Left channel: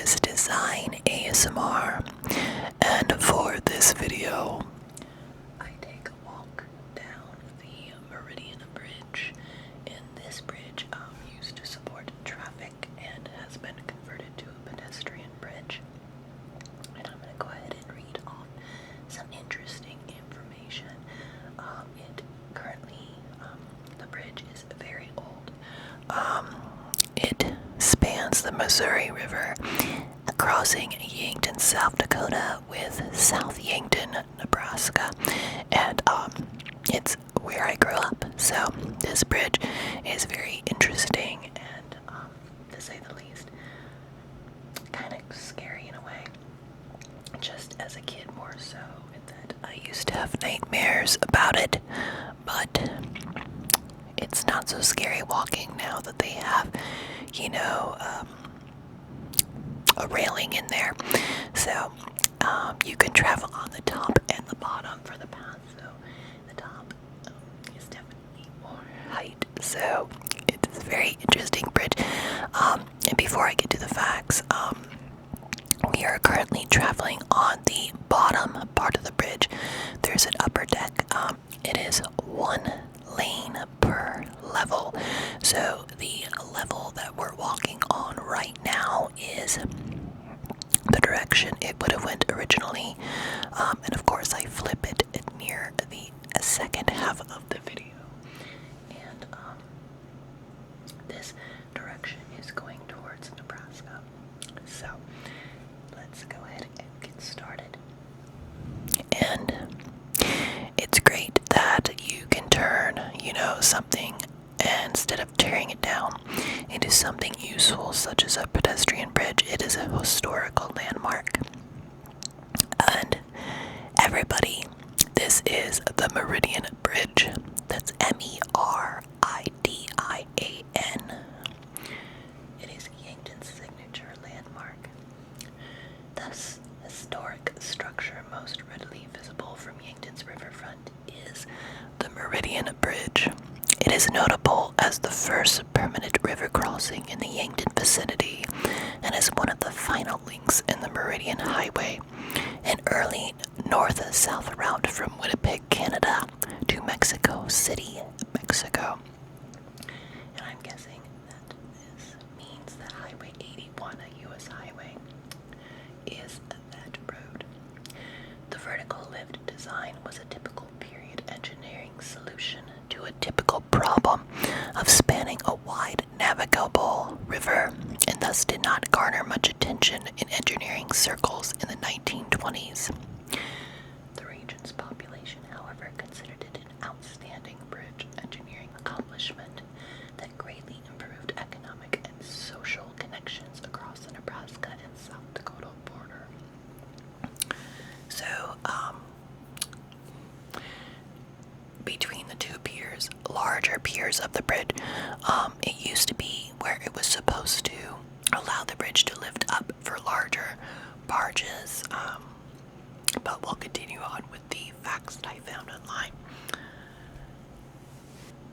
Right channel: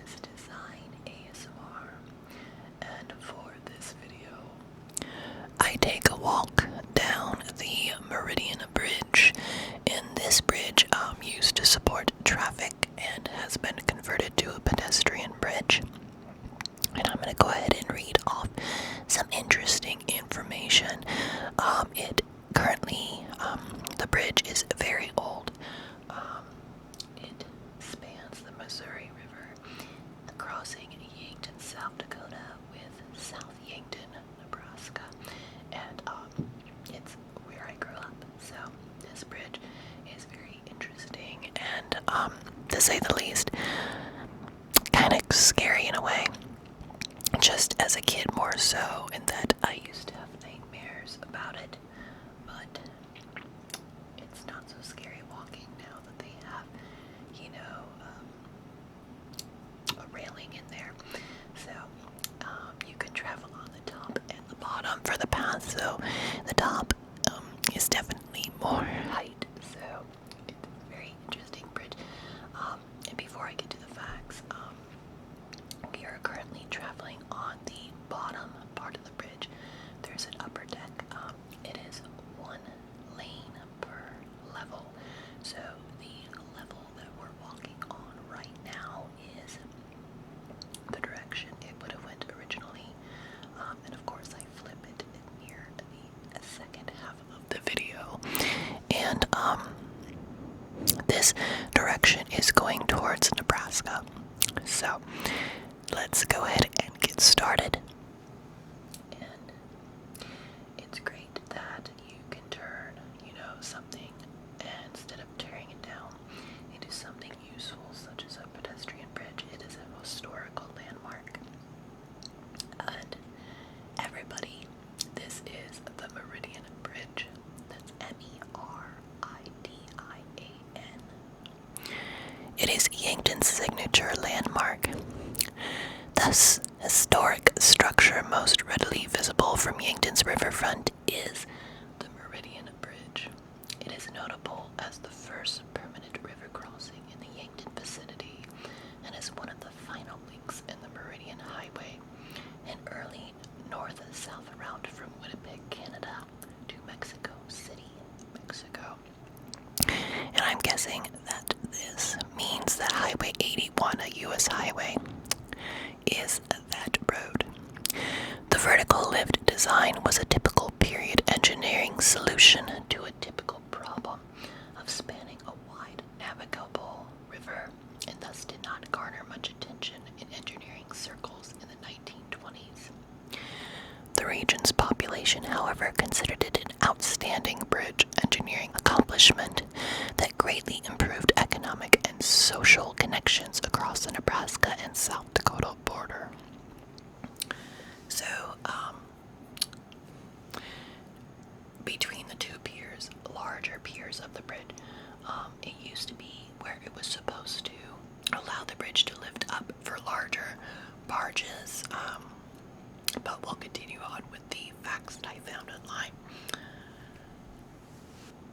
MSDesign ASMR, and for this video, I take a walk down the Meridian Bridge, and this bridge used to support traffic and has been converted to a pedestrian bridge. And I'm going to go ahead and read off some interesting information. The bridge is very old. It spans the Missouri River, crossing Yankton, South Dakota with South Yankton, Nebraska, and it's where I grew up. So this bridge is very interesting and, to say the least, kind of scary in a way. Just as a kid more so, in that I used to have nightmares about it, but it's not so scary walking now that they have, a railing in there. So you can travel on the top and the bottom for the path. So the top is definitely more height. So it's a very interesting bridge. And before I get to the facts, we are currently traveling on the bottom part of the bridge. There's an upper deck. It is one lane per level. So the level that we're walking on right now is the direction it would have went originally. And of course I flip it near the second half of the video. And this direction is going towards Nebraska. So let's go ahead and get started. And it's great that you can turn, something, and instead of tearing it down into something useful, such as a pedestrian bridge. It is a historical landmark. And everybody, this is the Meridian Bridge. That's Meridian. It is Yankton's signature landmark. This historic structure, most readily visible from Yankton's riverfront, is the Meridian Bridge. It is notable as the first permanent river crossing in the Yankton vicinity and is one of the final links in the Meridian Highway, an early north-south route from Winnipeg, Canada to Mexico City, Mexico. And I'm guessing that this means that Highway 81, a U.S. highway, is that road. The vertical lift design was a typical period engineering solution to a typical problem of spanning a wide navigable river, and thus did not garner much attention in engineering circles in the 1920s. The region's population, however, considered it an outstanding bridge engineering accomplishment that greatly improved economic and social connections across the Nebraska and South Dakota border. So, between the two piers, larger piers of the bridge, it used to be where it was supposed to allow the bridge to lift up for larger barges, but we'll continue on with the facts that I found online.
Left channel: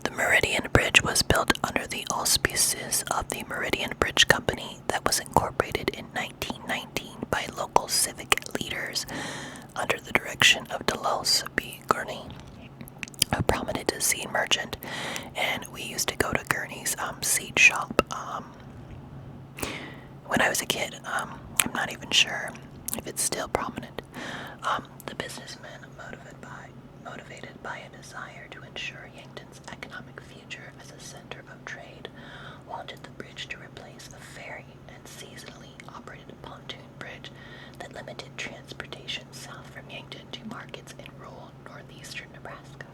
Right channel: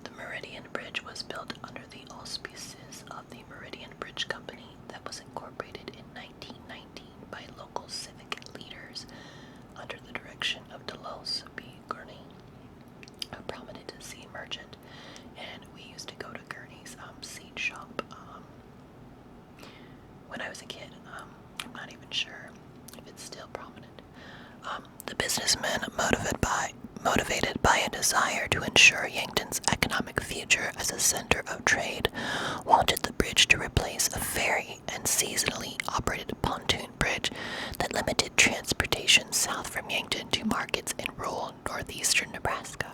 The Meridian Bridge was built under the auspices of the Meridian Bridge Company that was incorporated in 1919 by local civic leaders under the direction of Delos B. Gurney, a prominent seed merchant. And we used to go to Gurney's seed shop when I was a kid. I'm not even sure if it's still prominent. The businessman, motivated by a desire to ensure Yankton's economic future as a center of trade, wanted the bridge to replace a ferry and seasonally operated pontoon bridge that limited transportation south from Yankton to markets in rural northeastern Nebraska.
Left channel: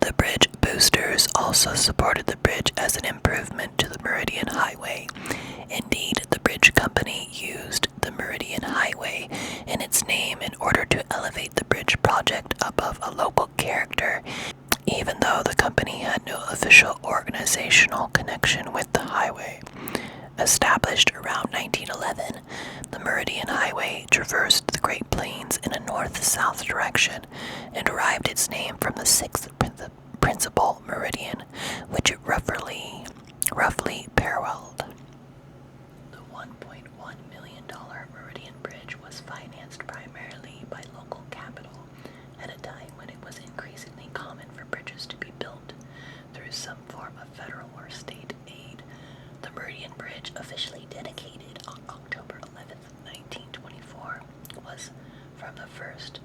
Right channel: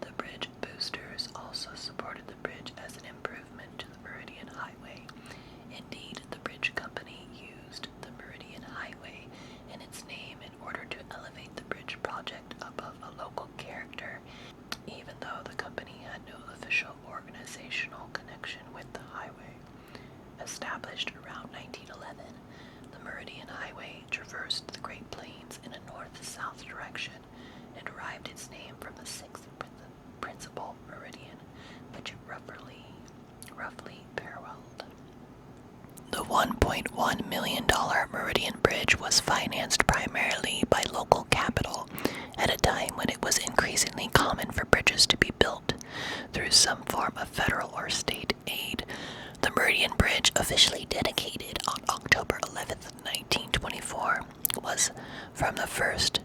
The bridge boosters also supported the bridge as an improvement to the Meridian Highway. Indeed, the bridge company used the Meridian Highway in its name in order to elevate the bridge project above a local character, even though the company had no official organizational connection with the highway. Established around 1911, the Meridian Highway traversed the Great Plains in a north-south direction and derived its name from the sixth principal meridian, which it roughly paralleled. The $1.1 million Meridian Bridge was financed primarily by local capital at a time when it was increasingly common for bridges to be built through some form of federal or state aid. The Meridian Bridge, officially dedicated on October 11, 1924, was from the first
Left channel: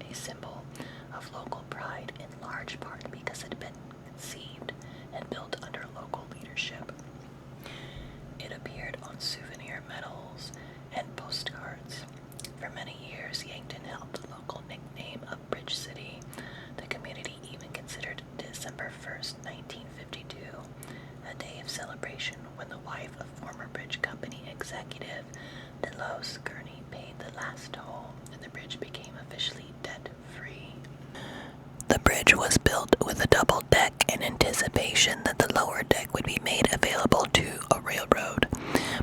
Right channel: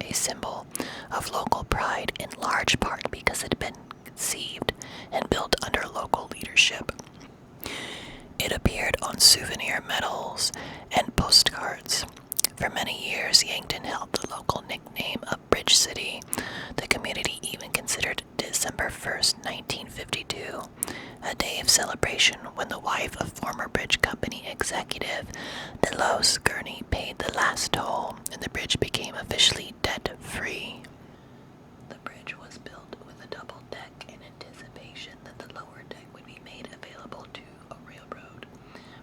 a symbol of local pride, in large part because it had been conceived and built under local leadership. It appeared on souvenir medals and postcards. For many years, Yankton held the local nickname of Bridge City. The community even considered December 1st, 1952, a day of celebration when the wife of former bridge company executive Delos Gurney paid the last toll and the bridge became officially debt-free. The bridge was built with a double deck in anticipation that the lower deck would be made available to a railroad,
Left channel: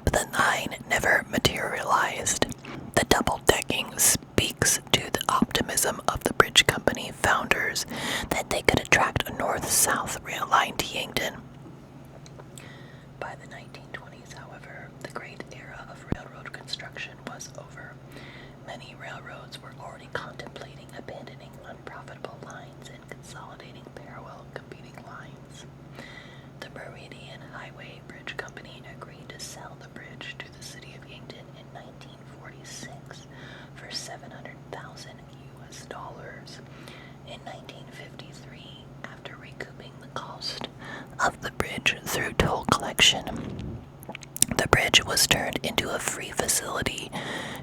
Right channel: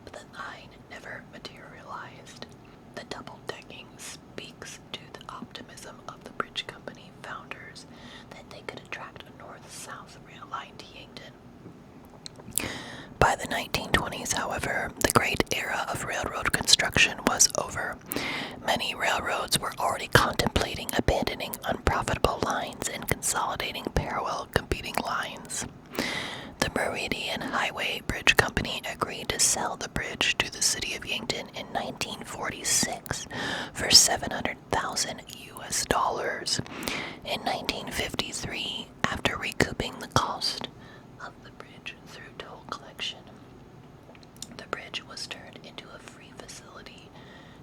but the line never materialized. The double decking speaks to the optimism of the bridge company founders that they could attract a north-south rail line to Yankton. By the 1920s, however, the great era of railroad construction was over. Many railroads were already contemplating abandoning unprofitable lines and consolidating parallel competing lines. The Meridian Highway Bridge Company agreed to sell the bridge to the city of Yankton in 1946 for $700,000 US. In 1953, after recouping the cost of the bridge through toll collection, the bridge was turned into a free facility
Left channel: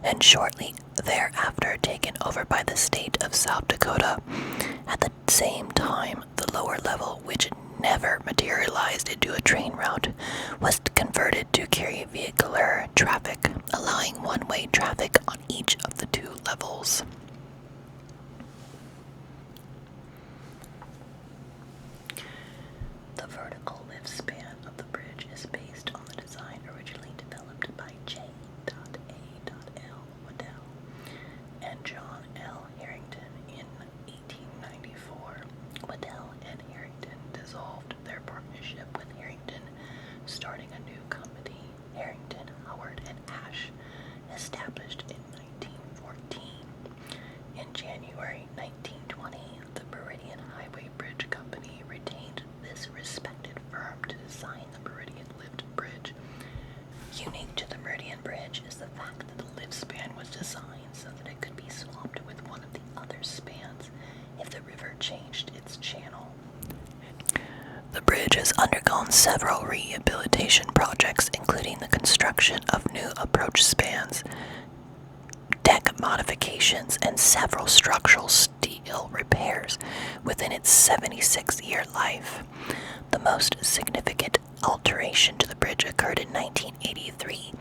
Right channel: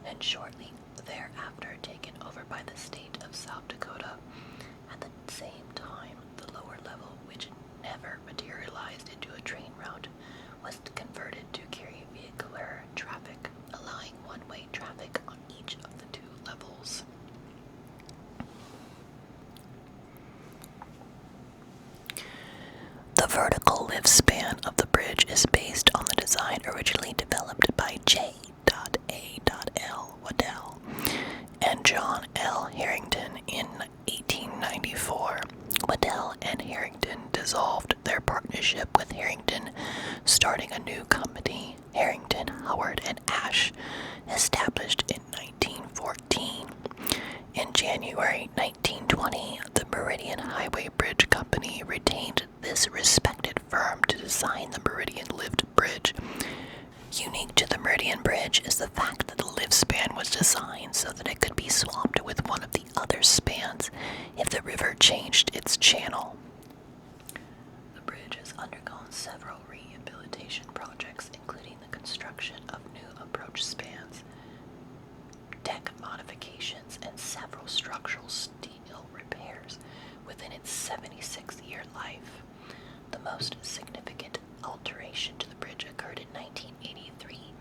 and shortly thereafter taken over by the state of South Dakota. At the same time, the lower level, which never materialized into a train route, was converted to carry vehicular traffic, allowing one-way traffic on each of the two levels. The vertical lift span of the bridge is based on the design originally developed by J.A.L. Waddell and John L. Harrington in 1894. Waddell and Harrington dissolved their partnership with Harrington, starting a new company, Harrington, Howard, and Ash, established in 1914. In January 1920, the Meridian Highway Bridge Company retained this respected firm to design the Meridian Lift Bridge. Unique to the Meridian Bridge is the fact that the lift span was designed so that it could be swapped with one of the other spans if the river changed its channel. The bridge has undergone several rehabilitation projects, including the construction of new approach spans, deck modifications, and several structural steel repairs within its 76-year life. The most significant alteration to the bridge occurred in 1983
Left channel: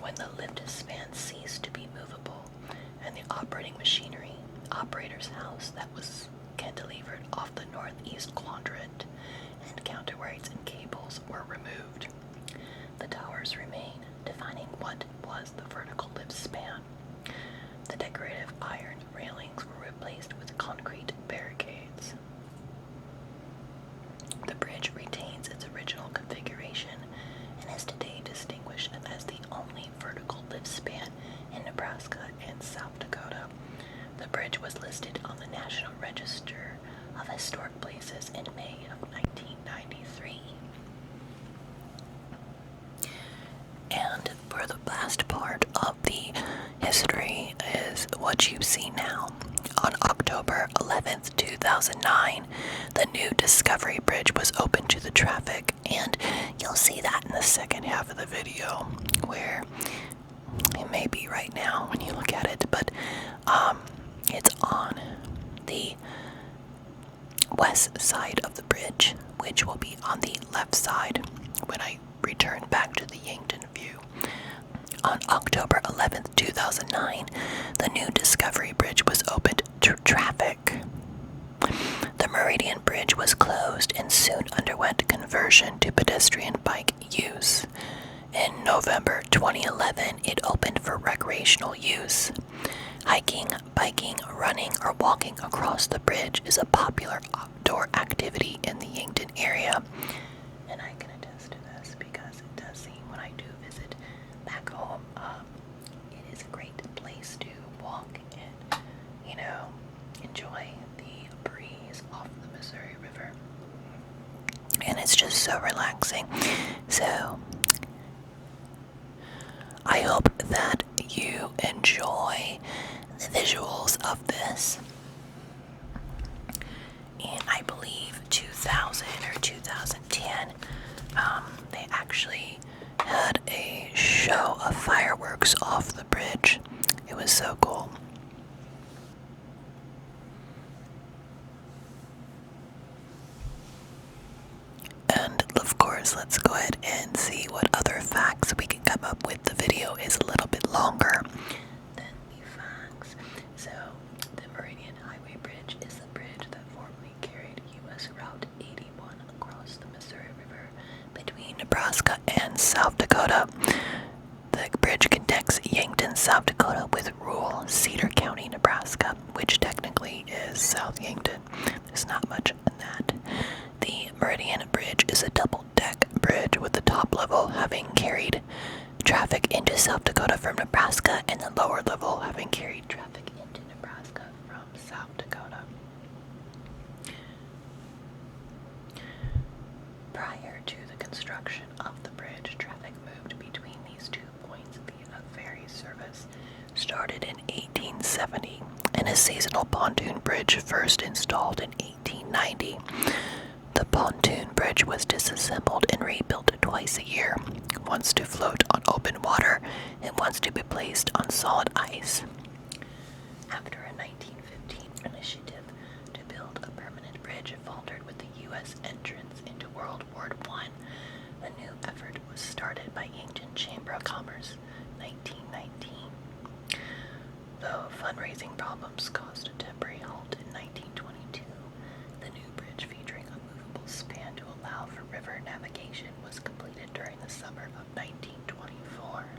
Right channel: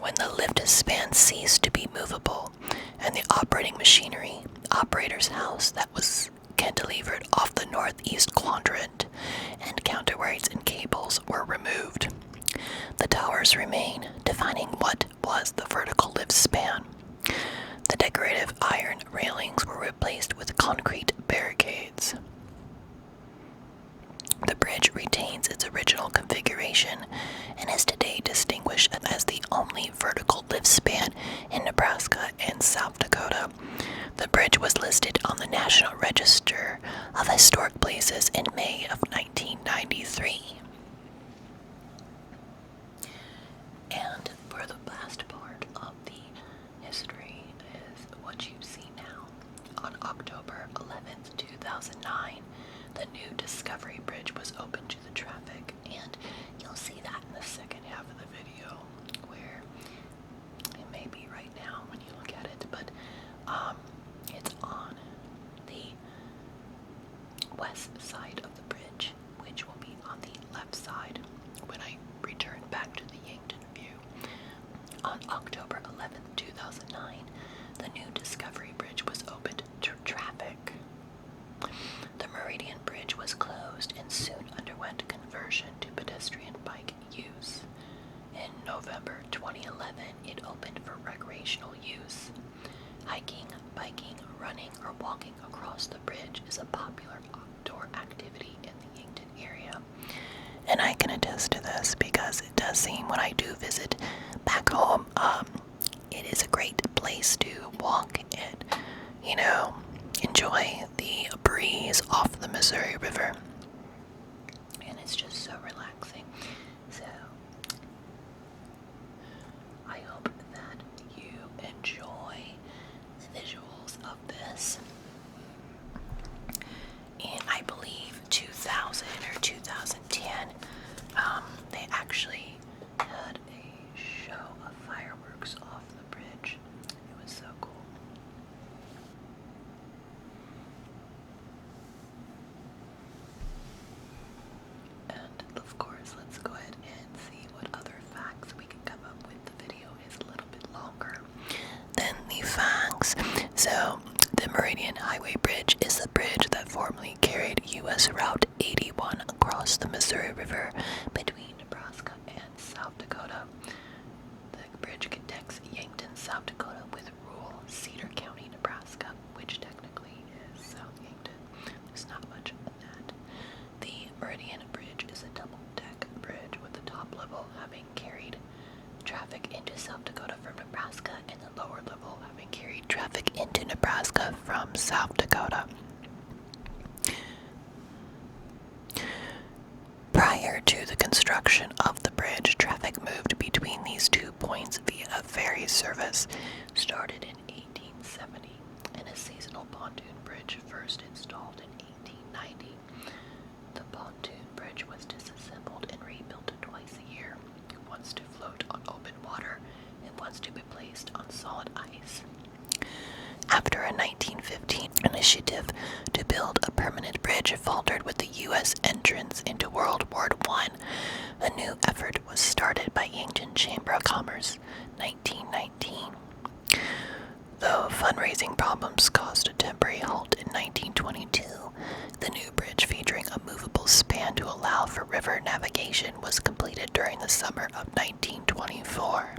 when the lift span ceased to be movable and the operating machinery, operator's house that was cantilevered off the northeast quadrant, and counterweights and cables were removed. The towers remain, defining what was the vertical lift span. The decorative iron railings were replaced with concrete barricades. The bridge retains its original configuration and is today distinguished as the only vertical lift span in Nebraska and South Dakota. The bridge was listed on the National Register of Historic Places in May of 1993. And for the last part of the history is what you see now. On October 11th, 2009, the new Discovery Bridge was opened to the traffic, and you'll see that in the second half of the video, where it may be right now when you look at it, but it's on the west side of the bridge, which will be on the left side when I return back to the Yankton view. On October 11th, 2009, the new Discovery Bridge was opened to traffic. The Meridian Bridge was closed and soon underwent conversion to pedestrian bike use. In November 2011, it opened for recreational use. Hiking, biking, running, or walking across the bridge is a popular outdoor activity in the Yankton area, And I can attest to this because it does seem when I do visit back home, it is a great place to walk and, enjoy the breeze off the Missouri River. And it's just so relaxing. So, I hope that you enjoy the visuals of this. In, I believe, 2000 or 2010, they actually had a show of fireworks off the bridge. It was so cool. And of course, let's go ahead and see what other facts we can come up with. The video is a little bit longer than the facts. So, the Meridian Highway Bridge is the bridge that formerly carried U.S. Route 81 across the Missouri River between Nebraska and South Dakota. The bridge connects Yankton, South Dakota with rural Cedar County, Nebraska, which technically is South Yankton. There's not much in that. The Meridian Bridge is a double-deck bridge with the top level having carried traffic into South Dakota from Nebraska and the lower level having carried traffic into Nebraska from South Dakota. Prior to the construction of the bridge, traffic moved between these 2 points via a ferry service started in 1870 and a seasonal pontoon bridge first installed in 1890. The pontoon bridge was disassembled and rebuilt twice a year, once to float on open water and once to be placed on solid ice. After a 1915 initiative to build a permanent bridge faltered with the U.S. entrance into World War I, a new effort was started by Yankton Chamber of Commerce, 1919. Though fundraising problems caused a temporary halt in 1922, the new bridge featuring a movable span to allow for river navigation was completed during the summer of 1924.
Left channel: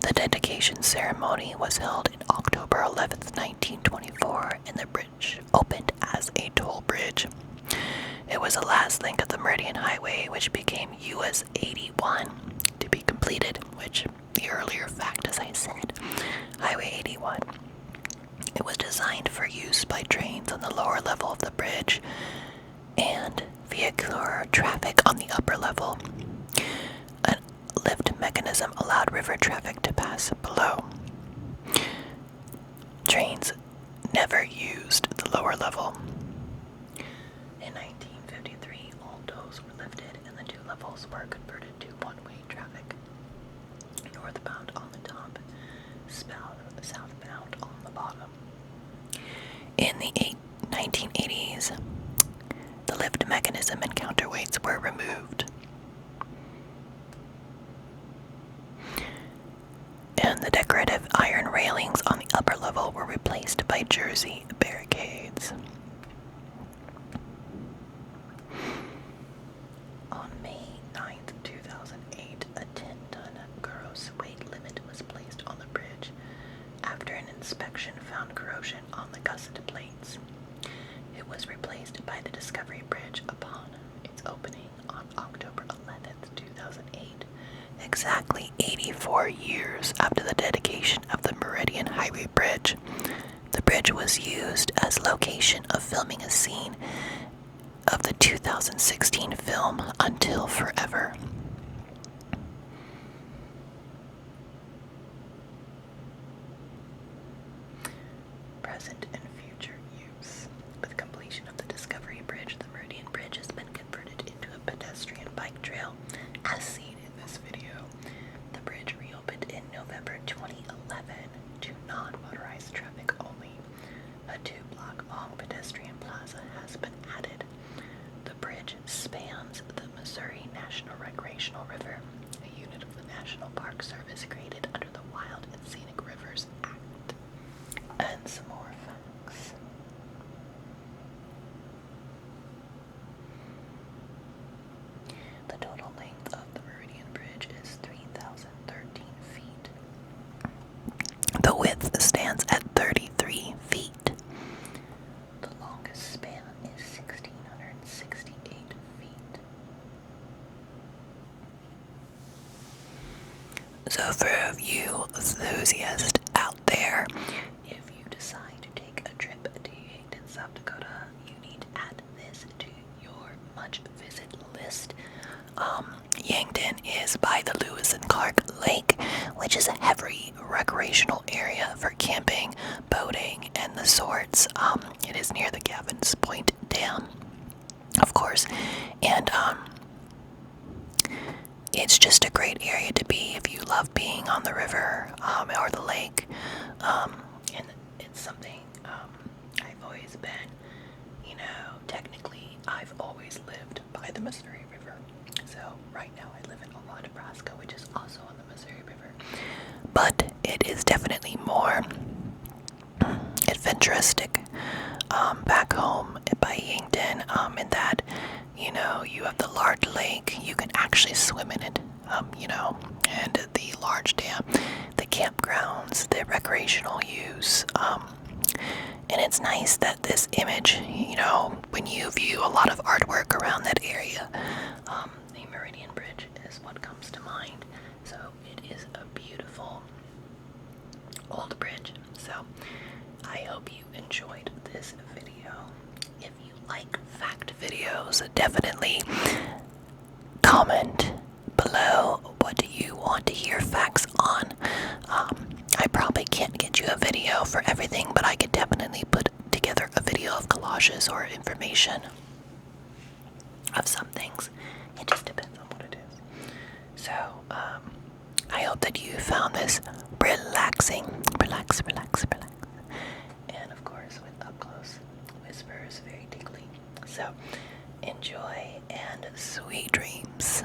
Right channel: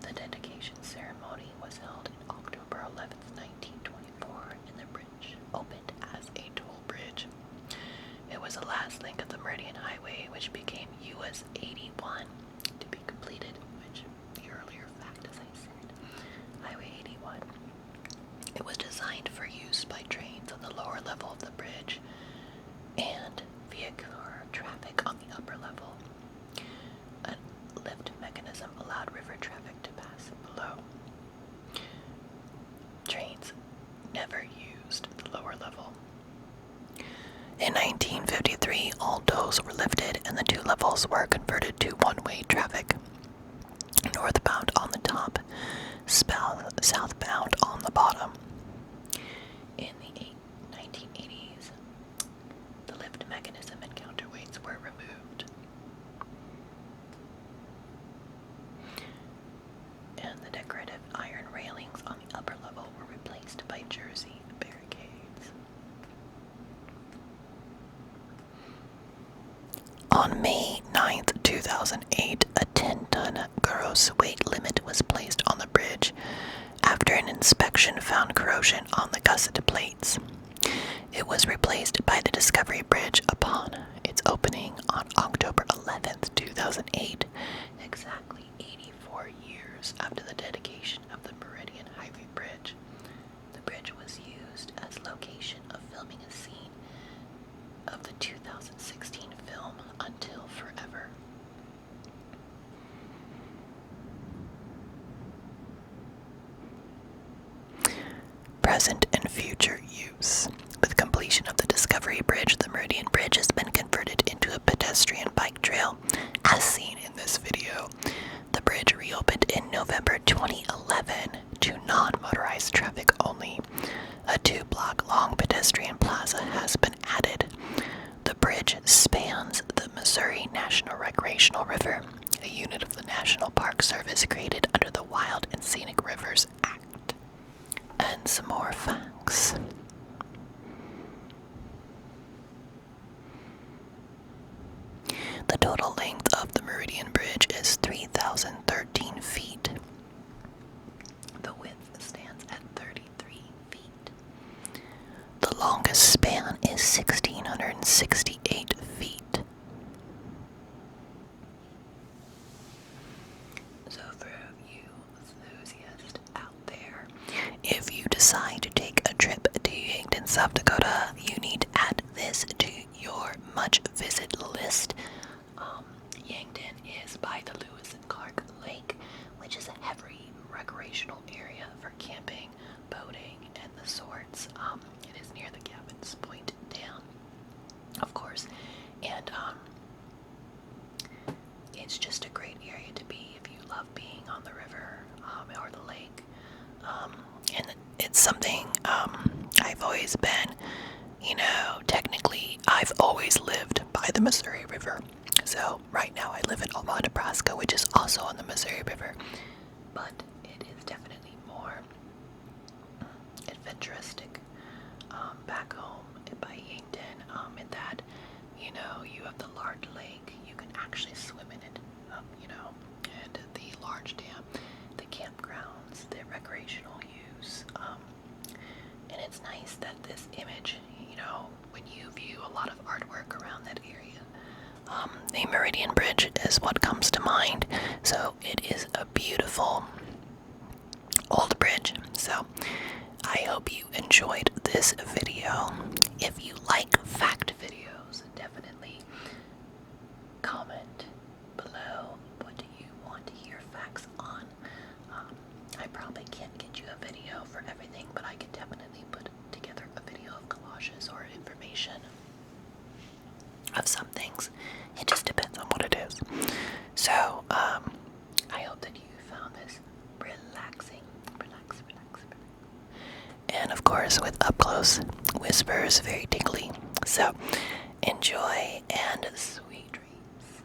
The dedication ceremony was held on October 11, 1924, and the bridge opened as a toll bridge. It was the last link of the Meridian Highway, which became US 81, to be completed, which the earlier fact, as I said, Highway 81. It was designed for use by trains on the lower level of the bridge and vehicular traffic on the upper level. A lift mechanism allowed river traffic to pass below. Trains never used the lower level. In 1953, all tolls were lifted and the 2 levels were converted to one-way traffic. Northbound on the top, southbound on the bottom. In the 1980s, the lift mechanism and counterweights were removed. And the decorative iron railings on the upper level were replaced by jersey barricades. On May 9, 2008, a 10-ton gross weight limit was placed on the bridge after an inspection found corrosion on the gusset plates. It was replaced by the Discovery Bridge upon its opening on October 11, 2008, exactly 84 years after the dedication of the Meridian Highway Bridge. The bridge was used as location of filming a scene of the 2016 film Until Forever. Present and future use. With completion of the Discovery Bridge, the Meridian Bridge has been converted into a pedestrian bike trail, as seen in this video. The bridge reopened in November 2011 to non-motorized traffic only. A 2-block-long pedestrian plaza has been added. The bridge spans the Missouri National Recreational River, a unit of the National Park Service created under the Wild and Scenic Rivers Act. And some more facts. The total length of the Meridian Bridge is 3,013 feet. The width stands at 33 feet. The longest span is 1,668 feet. enthusiast out there, if you decide to take a trip to Yankton, South Dakota, you need to add this to your much-visit list. Yankton is by the Lewis and Clark Lake, which is a heavy recreational area for camping, boating, and the sorts. It is near the Gavin's Point Dam, of course, and it's just a great area to be if you love being on the river or the lake. And it's something I've always been, technically I've always lived by the Missouri River. So right now I live in Omaha, Nebraska, which is also on the Missouri River. But it is definitely more adventuristic back home by Yankton, in that, you have the large lake, you can actually swim in it, and the large dam, the campgrounds, the recreational use, and it's nice that this image, when you view a lot of artwork around that area, the Meridian Bridge is what comes to mind. So it is a beautiful old bridge. So I hope you enjoyed this video. If you like fact videos, definitely comment below what do you want to hear facts on. I probably can't get you a video for everything, but I could definitely put together a video of collages or information of some things. It just depends on what it is. So, I hope that you found this relaxing. Relax. And of course, with up close whispers, very tingly. So, enjoy and sweet dreams.